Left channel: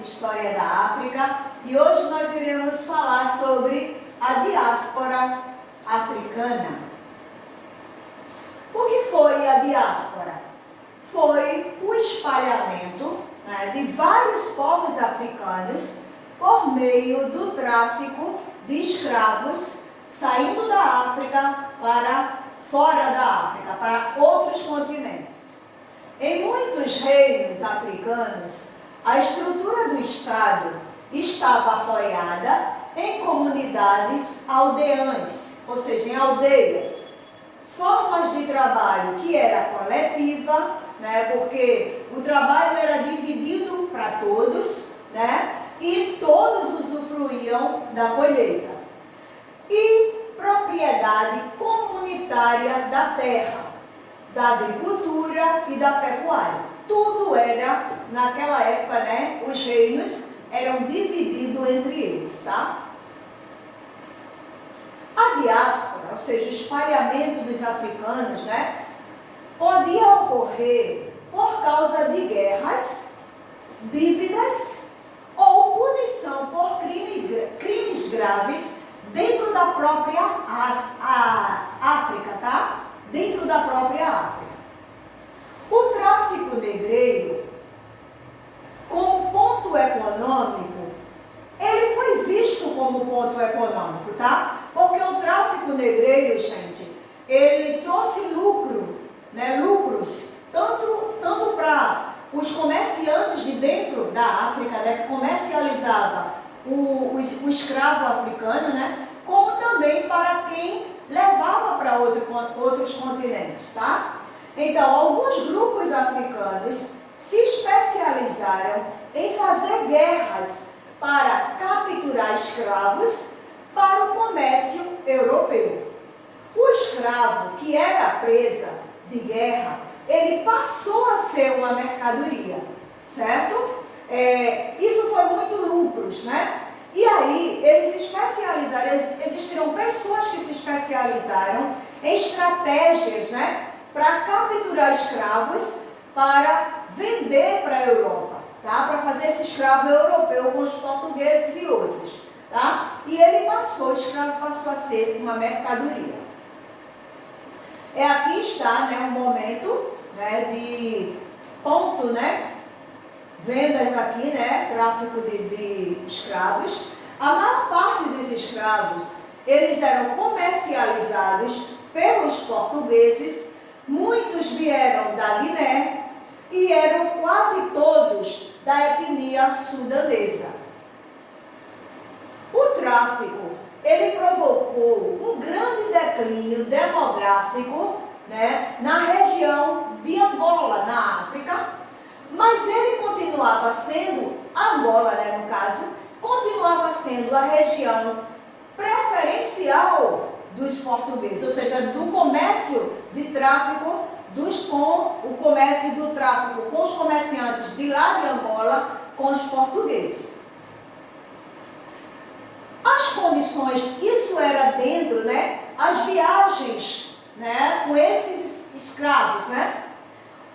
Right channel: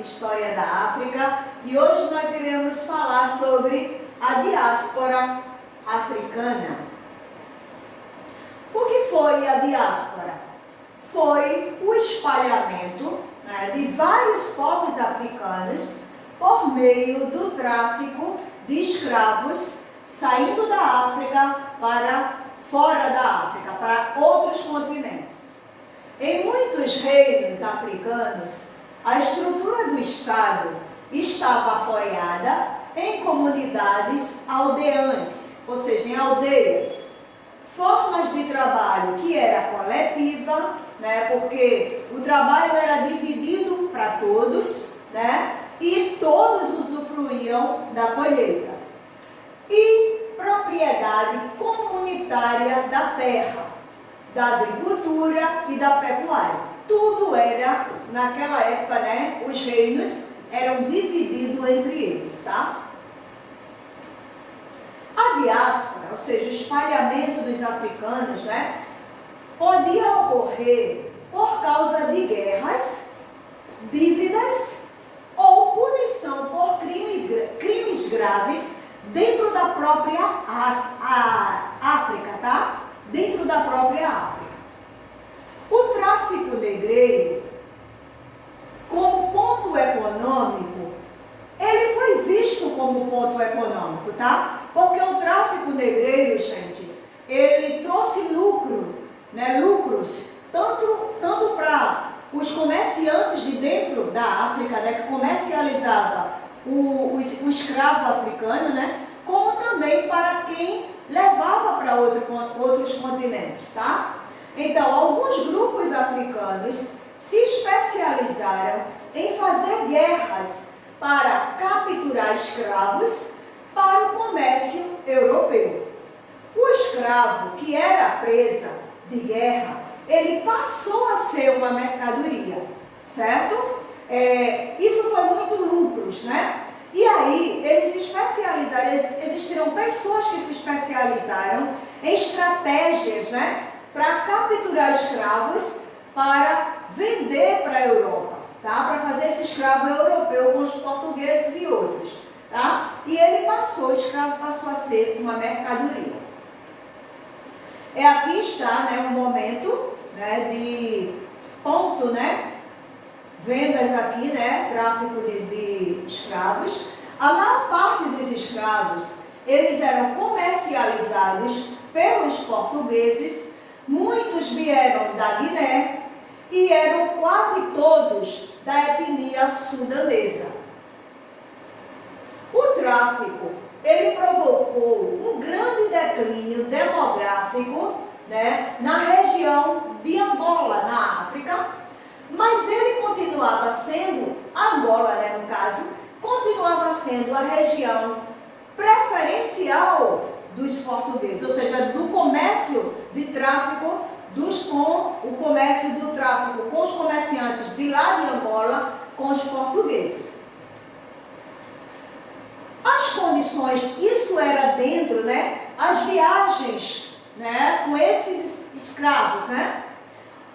História da África, e hoje nós iremos falar sobre a diáspora africana. O que foi a diáspora? Foi o espalhamento, né, de vários povos africanos por meio do tráfico de escravos saindo da África para fora da África, para outros continentes. Em muitos reinos africanos, a estrutura do Estado estava apoiada em comunidades aldeãs, ou seja, em aldeias. Formas de trabalho que era coletiva, né, porque o trabalho era dividido para todos, né, e todos usufruíam da colheita. E propriedade comunitária da terra, da agricultura e da pecuária. Tudo era, naquela época, né, os reinos eram divididos entre eles, tá? A diáspora, ou seja, o espalhamento dos africanos, né, podia ocorrer por causa de guerras, dívidas ou punição por crimes graves dentro da própria África, tá? Dentro da própria África. O tráfico negreiro, como ponto econômico, ele foi visto como ponto econômico, tá? Porque o tráfico negreiro, gente, ele trouxe lucro, né? Lucros, tanto para os comerciantes de dentro da África, né? Que comercializava o escravo africano, né? Como também para quem levava para outros continentes, tá? Então, alguns grupos africanos se especializaram em fazer guerras para capturar escravos para o comércio europeu. O escravo que era presa de guerra, ele passou a ser uma mercadoria, certo? Isso foi muito lucros, né? E aí, eles se especializaram, existiram pessoas que se especializaram em estratégias, né, para capturar escravos, para vender para a Europa, tá? Para fazer esse escravo europeu com os portugueses e outros, tá? E o escravo passou a ser uma mercadoria. Aqui está, né, um momento, né, de ponto, né? Vendas aqui, né, tráfico de escravos. A maior parte dos escravos, eles eram comercializados pelos portugueses, muitos vieram da Guiné e eram quase todos da etnia sudanesa. O tráfico, ele provocou um grande declínio demográfico, né, na região de Angola, na África. Mas ele continuava sendo, Angola, né, no caso, continuava sendo a região preferencial dos portugueses, ou seja, do comércio de tráfico, o comércio do tráfico com os comerciantes de lá de Angola, com os portugueses. As condições, isso era dentro, né, as viagens, né, com esses escravos, né?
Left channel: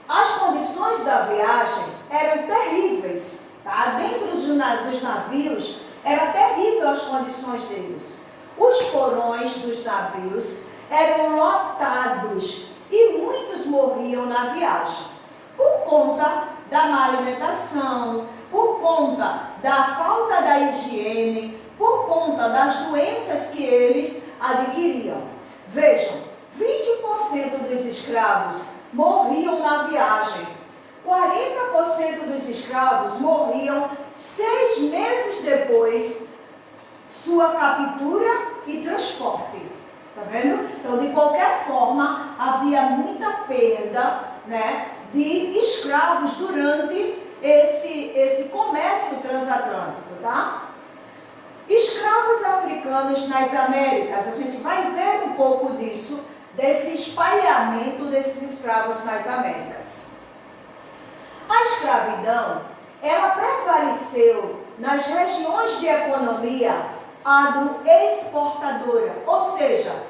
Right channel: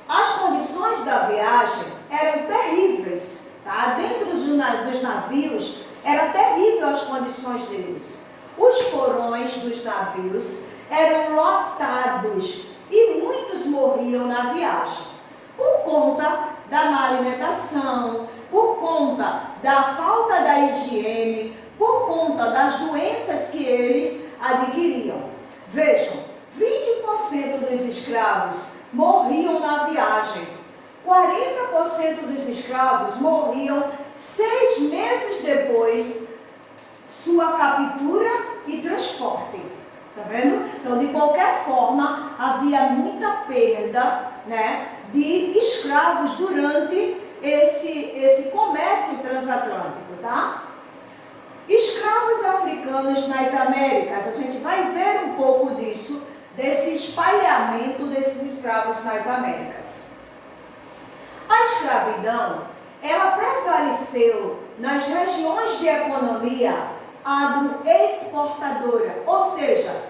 As condições da viagem eram terríveis, tá? Dentro dos navios, era terrível as condições deles. Os porões dos navios eram lotados e muitos morriam na viagem, por conta da má alimentação, por conta da falta da higiene, por conta das doenças que eles adquiriam. Vejam, 20% dos escravos morriam na viagem. 40% dos escravos morriam 6 meses depois sua captura e transporte. Tá vendo? Então, de qualquer forma, havia muita perda, né, de escravos durante esse comércio transatlântico, tá? Escravos africanos nas Américas, a gente vai ver um pouco disso, desse espalhamento desses escravos nas Américas. A escravidão, ela prevaleceu nas regiões de economia agroexportadora, ou seja,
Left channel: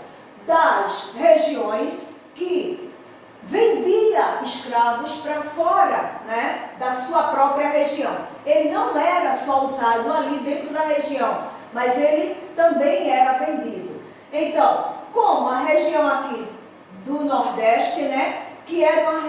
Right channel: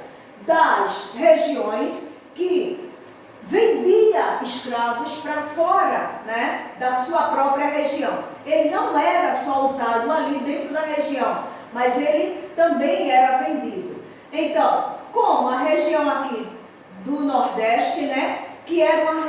das regiões que vendia escravos para fora, né, da sua própria região. Ele não era só usado ali dentro da região, mas ele também era vendido. Então, como a região aqui do Nordeste, né, que era uma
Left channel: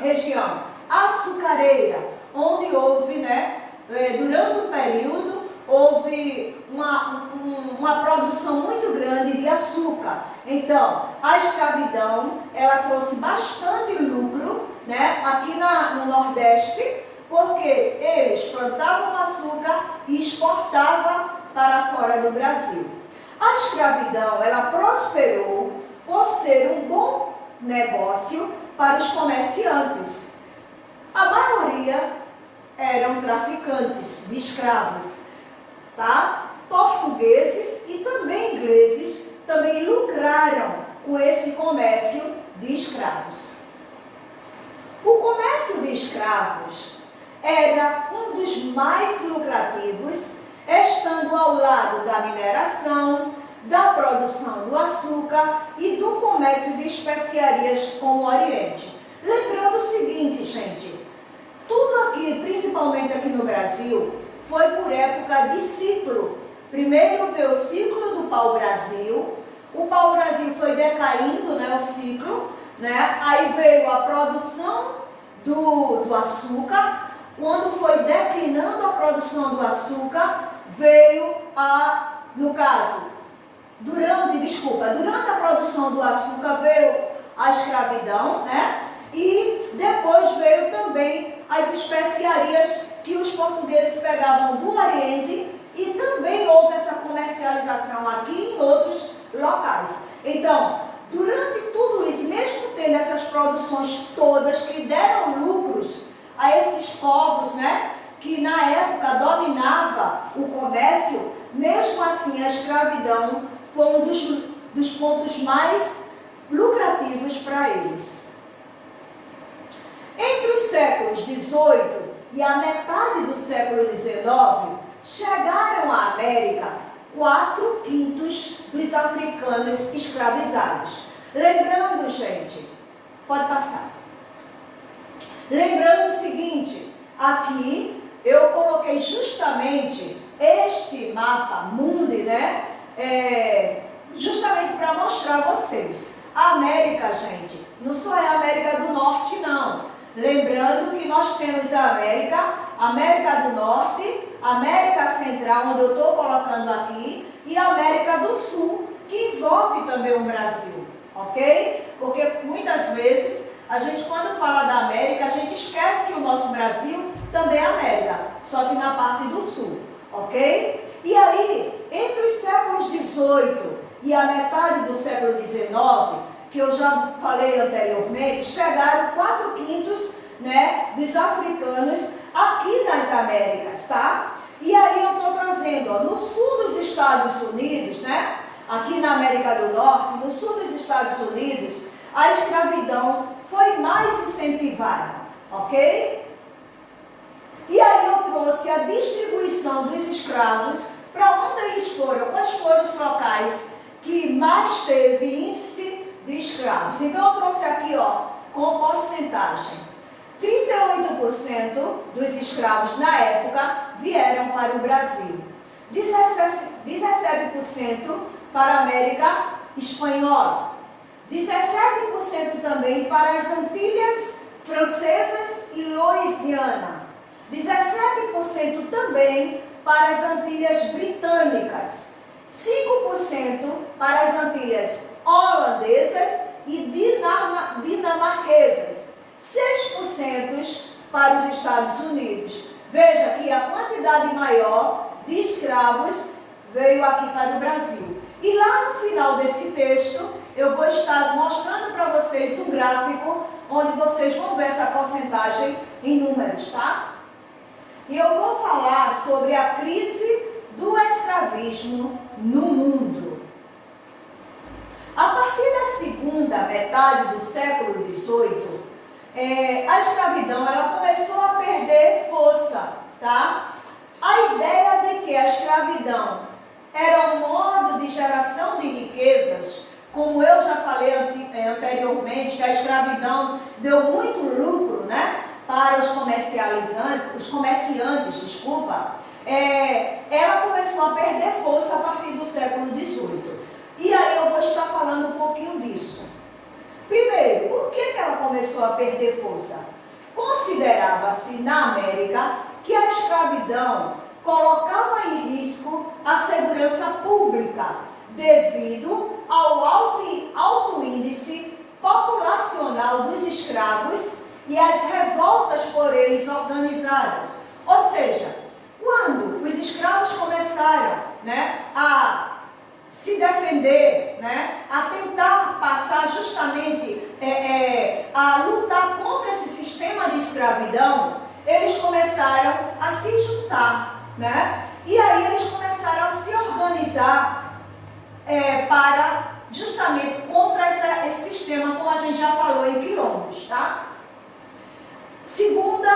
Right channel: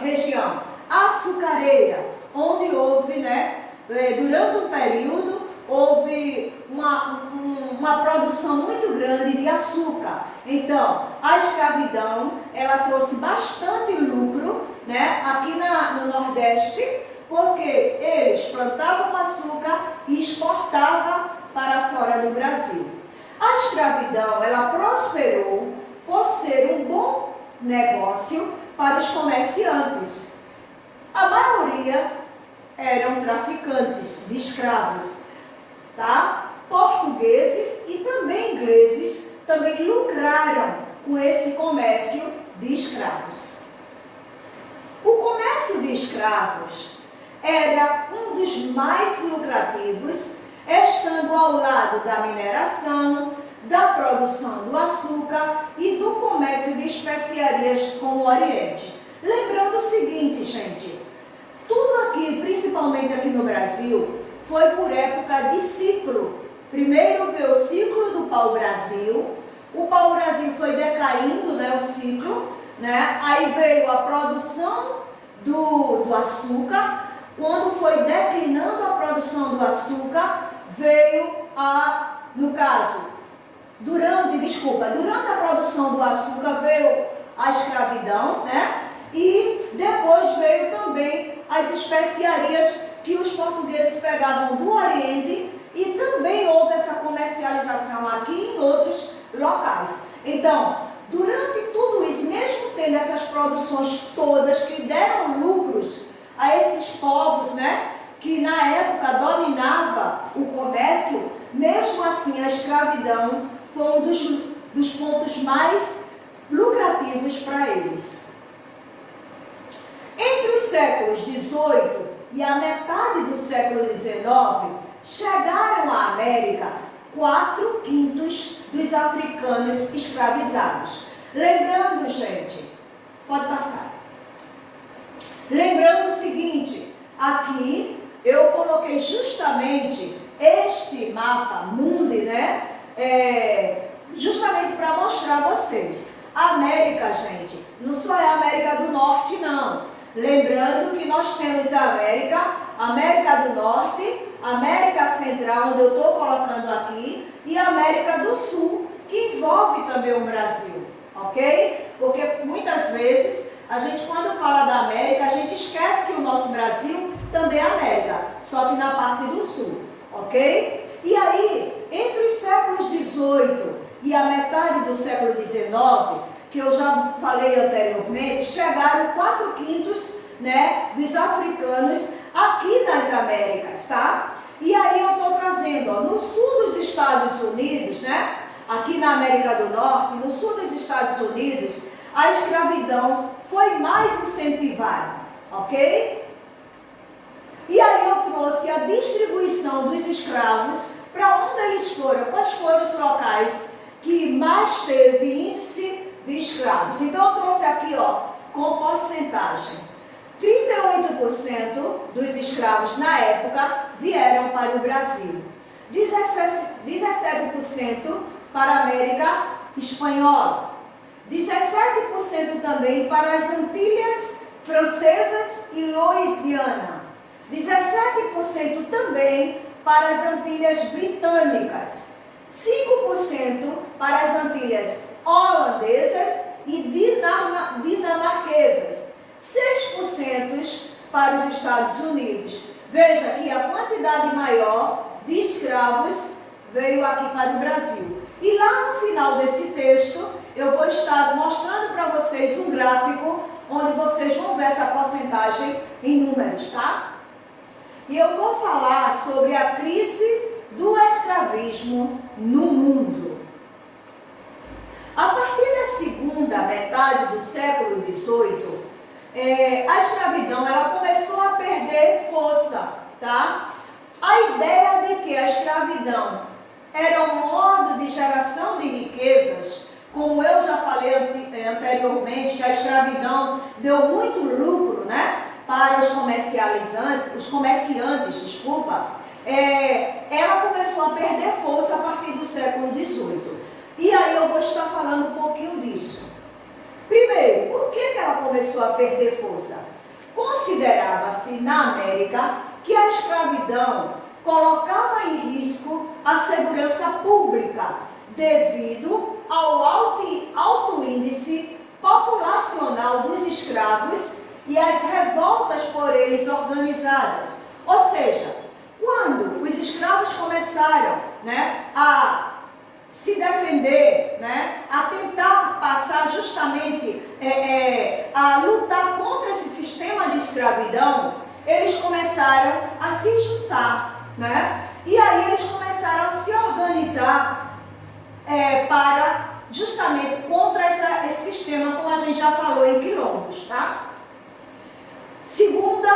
região açucareira, onde houve, né, durante um período, houve uma produção muito grande de açúcar. Então, a escravidão, ela trouxe bastante lucro, né, aqui no Nordeste, porque eles plantavam açúcar e exportavam para fora do Brasil. A escravidão, ela prosperou por ser um bom negócio para os comerciantes. A maioria eram traficantes de escravos, tá? Portugueses e também ingleses também lucraram com esse comércio de escravos. O comércio de escravos era um dos mais lucrativos, estando ao lado da mineração, da produção do açúcar e do comércio de especiarias com o Oriente. Lembrando o seguinte, gente, tudo aqui, principalmente aqui no Brasil, foi por época de ciclo. Primeiro veio o ciclo do pau-brasil, o pau-brasil foi decaindo, né, o ciclo, né, aí veio a produção do açúcar. Quando foi declinando a produção do açúcar, veio no caso, durante a produção do açúcar veio a escravidão, né? E depois veio também as especiarias que os portugueses pegavam do Oriente e também houve essa comercialização aqui em outros locais. Então, durante tudo isso, mesmo tendo essas produções todas que deram lucros a esses povos, né, que na época dominava o comércio, mesmo assim a escravidão foi um dos pontos mais lucrativos para eles. Entre os séculos XVIII e a metade do século XIX, chegaram à América 4/5 dos africanos escravizados. Lembrando, gente, pode passar. Lembrando o seguinte, aqui eu coloquei justamente este mapa mundi, né? Justamente para mostrar a vocês. A América, gente, não só é a América do Norte, não. Lembrando que nós temos a América do Norte, América Central, onde eu estou colocando aqui, e a América do Sul, que envolve também o Brasil, ok? Porque muitas vezes, a gente quando fala da América, a gente esquece que o nosso Brasil também é América, só que na parte do Sul, ok? E aí, entre os séculos XVIII e a metade do século XIX, que eu já falei anteriormente, chegaram 4/5, né, dos africanos aqui nas Américas, tá? E aí eu estou trazendo, ó, no sul dos Estados Unidos, né, aqui na América do Norte, no sul dos Estados Unidos, a escravidão foi mais incentivada, ok? E aí eu trouxe a distribuição dos escravos, para onde eles foram, quais foram os locais que mais teve índice de escravos. Então eu trouxe aqui, ó, com porcentagem. 38% dos escravos na época vieram para o Brasil. 17% para a América Espanhola. 17% também para as Antilhas Francesas e Louisiana. 17% também para as Antilhas Britânicas. 5% para as Antilhas Holandesas e Dinamarquesas. 6% para os Estados Unidos. Veja que a quantidade maior de escravos veio aqui para o Brasil. E lá no final desse texto, eu vou estar mostrando para vocês um gráfico onde vocês vão ver essa porcentagem em números, tá? E eu vou falar sobre a crise do escravismo no mundo. A partir da segunda metade do século XVIII, a escravidão ela começou a perder força, tá? A ideia de que a escravidão era um modo de geração de riquezas como eu já falei anteriormente, que a escravidão deu muito lucro, né, para os comerciantes, ela começou a perder força a partir do século XVIII. E aí eu vou estar falando um pouquinho disso. Primeiro, por que ela começou a perder força? Considerava-se na América que a escravidão colocava em risco a segurança pública, devido ao alto índice populacional dos escravos e às revoltas por eles organizadas. Ou seja, quando os escravos começaram, né, a se defender, né, a tentar passar justamente, a lutar contra esse sistema de escravidão, eles começaram a se juntar, né? E aí eles começaram a se organizar para justamente contra esse sistema, como a gente já falou em quilombos, tá? Segunda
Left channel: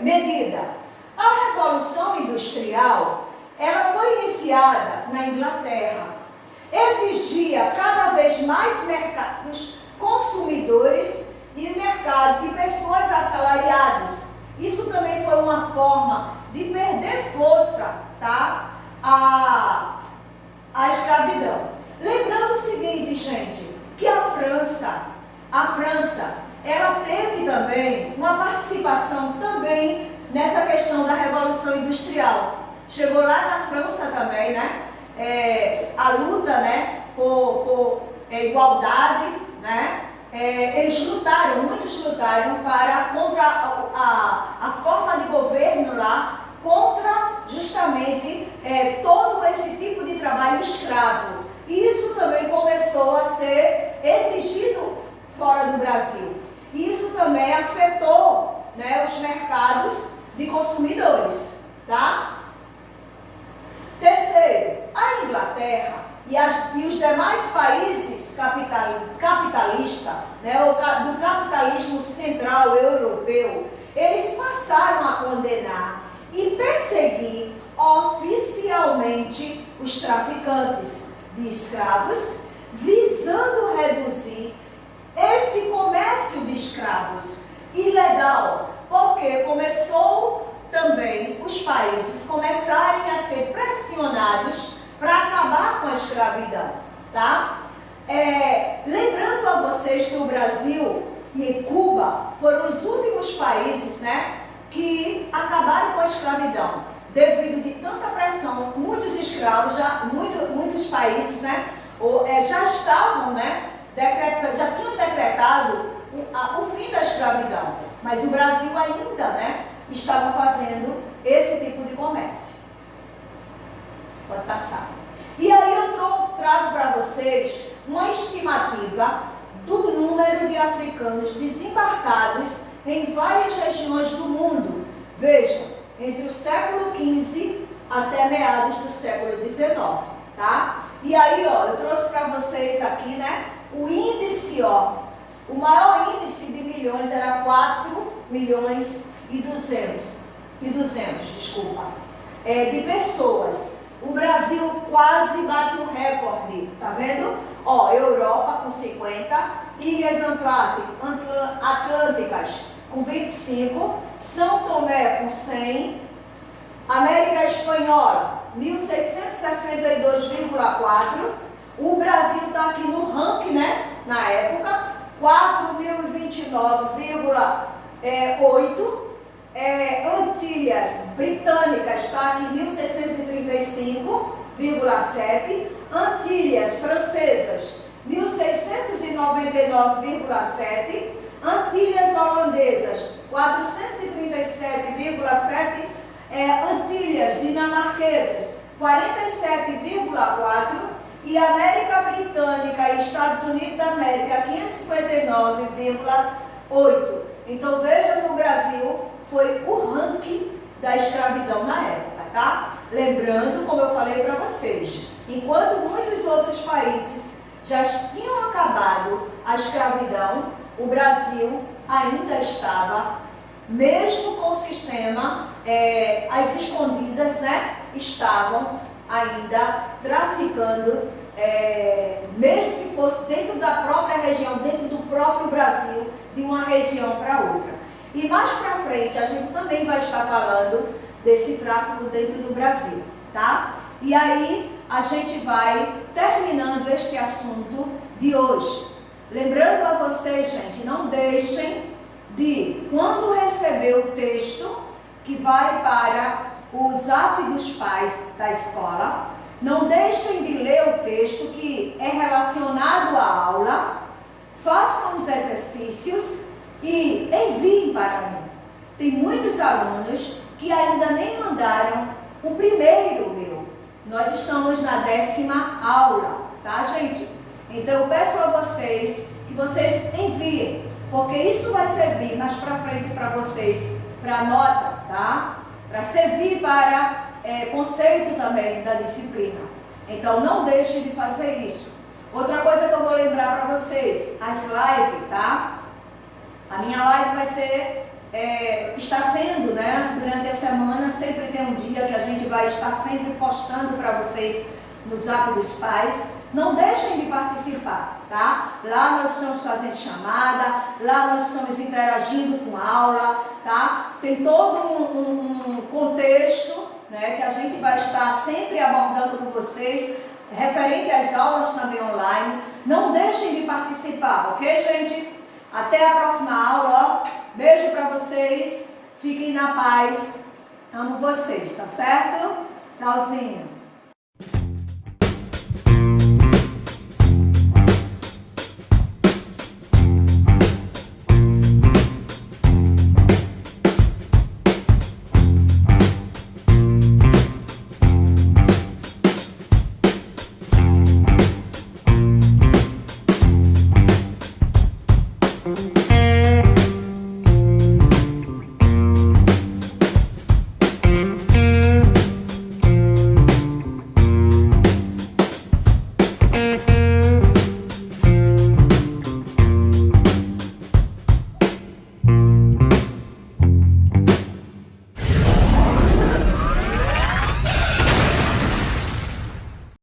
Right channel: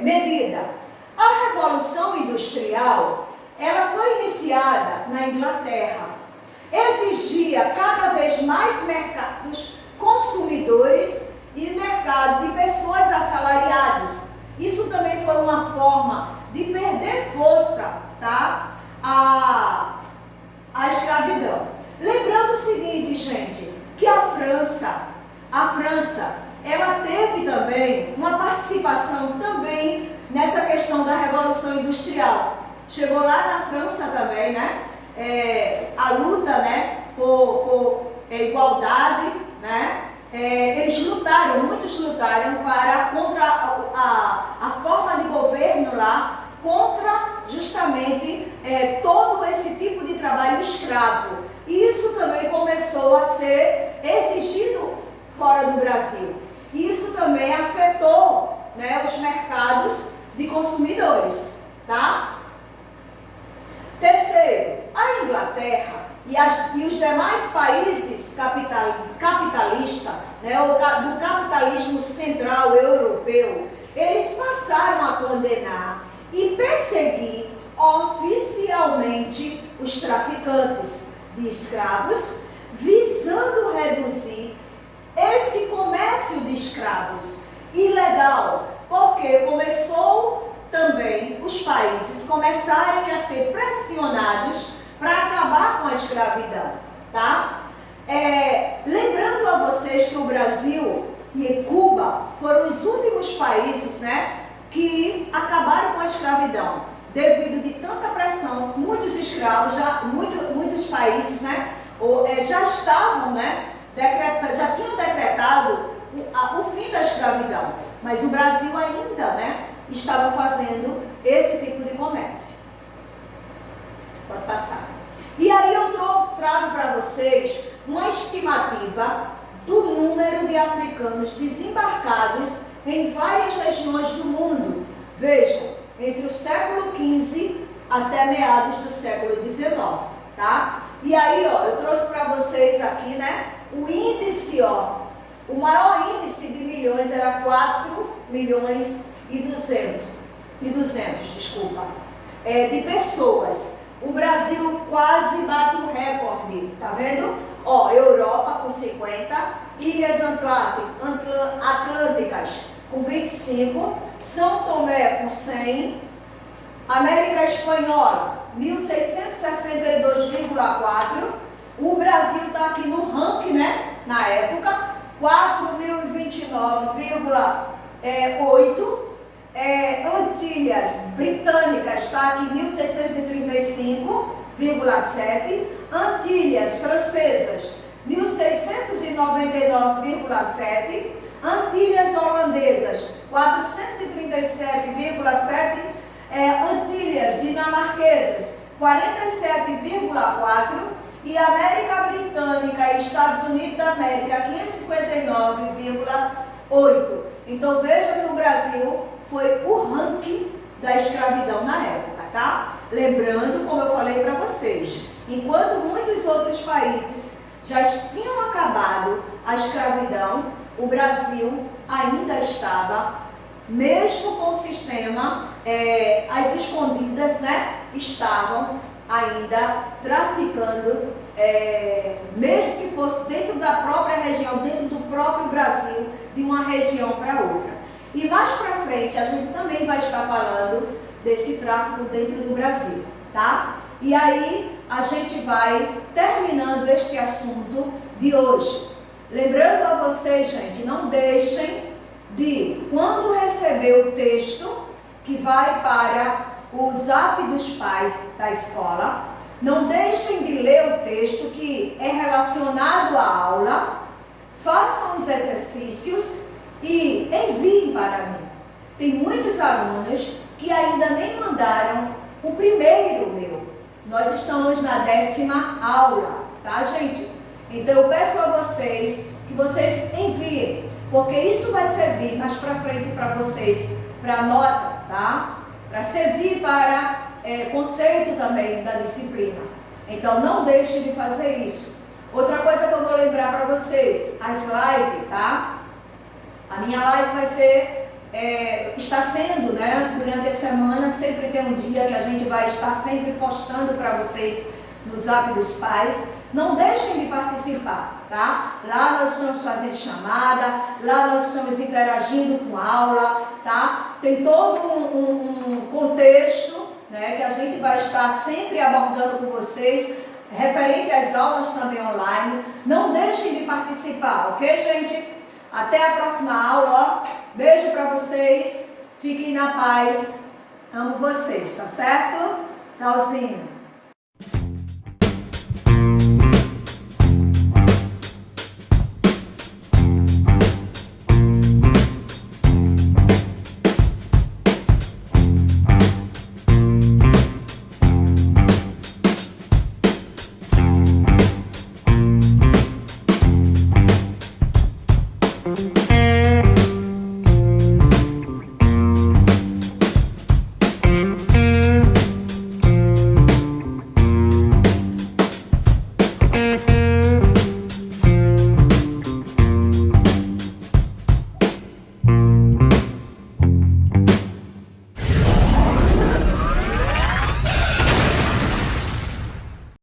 medida, a Revolução Industrial, ela foi iniciada na Inglaterra, exigia cada vez mais mercados consumidores e mercado de pessoas assalariadas. Isso também foi uma forma de perder força, tá? A escravidão. Lembrando o seguinte, gente, que a França, ela teve também uma participação também nessa questão da Revolução Industrial. Chegou lá na França também, né? A luta, né, por igualdade, né? Muitos lutaram contra a forma de governo lá, contra justamente todo esse tipo de trabalho escravo. E isso também começou a ser exigido fora do Brasil. E isso também afetou, né, os mercados de consumidores, tá? Terceiro, a Inglaterra e os demais países capitalistas, né, do capitalismo central europeu, eles passaram a condenar e perseguir oficialmente os traficantes de escravos, visando reduzir esse comércio de escravos ilegal, porque começou também os países começarem a ser pressionados para acabar com a escravidão, tá? Lembrando a vocês que o Brasil e Cuba foram os últimos países, né, que acabaram com a escravidão. Devido de tanta pressão, muitos escravos, muitos países, né, já estavam, né, já tinham decretado o fim da escravidão, mas o Brasil ainda, né, estava fazendo esse tipo de comércio. Pode passar. E aí eu trago para vocês uma estimativa do número de africanos desembarcados em várias regiões do mundo. Vejam, entre o século XV até meados do século XIX, tá? E aí, ó, eu trouxe para vocês aqui, né, o índice, ó, o maior índice de milhões era 4.200.000, desculpa, de pessoas. O Brasil quase bate o recorde, tá vendo? Ó, Europa com 50, Ilhas Atlânticas com 25, São Tomé com 100, América Espanhola 1.662,4, o Brasil está aqui no ranking, né, na época, 4.029,8, Antilhas Britânicas está aqui 1.635,7, Antilhas Francesas 1.699,7, Antilhas Holandesas 437,7, Antilhas Dinamarquesas 47,4 e América Britânica e Estados Unidos da América 559,8. Então veja que o Brasil foi o ranking da escravidão na época, tá? Lembrando, como eu falei para vocês, enquanto muitos outros países já tinham acabado a escravidão, o Brasil ainda estava, mesmo com o sistema, as escondidas, né, estavam ainda traficando mesmo que fosse dentro da própria região, dentro do próprio Brasil, de uma região para outra. E mais para frente a gente também vai estar falando desse tráfico dentro do Brasil, tá? E aí a gente vai terminando este assunto de hoje. Lembrando a vocês, gente, não deixem de, quando receber o texto que vai para o Zap dos pais da escola, não deixem de ler o texto que é relacionado à aula, façam os exercícios e enviem para mim. Tem muitos alunos que ainda nem mandaram o primeiro meu. Nós estamos na 10ª aula, tá, gente? Então eu peço a vocês que vocês enviem, porque isso vai servir mais para frente para vocês, para nota, tá? Para servir para conceito também da disciplina. Então não deixe de fazer isso. Outra coisa que eu vou lembrar para vocês, as lives, tá? A minha live vai ser, está sendo, né, durante a semana, sempre tem um dia que a gente vai estar sempre postando para vocês no Zap dos Pais. Não deixem de participar, tá? Lá nós estamos fazendo chamada, lá nós estamos interagindo com a aula, tá? Tem todo um contexto, né, que a gente vai estar sempre abordando com vocês, referente às aulas também online. Não deixem de participar, ok, gente? Até a próxima aula, ó. Beijo para vocês, fiquem na paz, amo vocês, tá certo? Tchauzinho.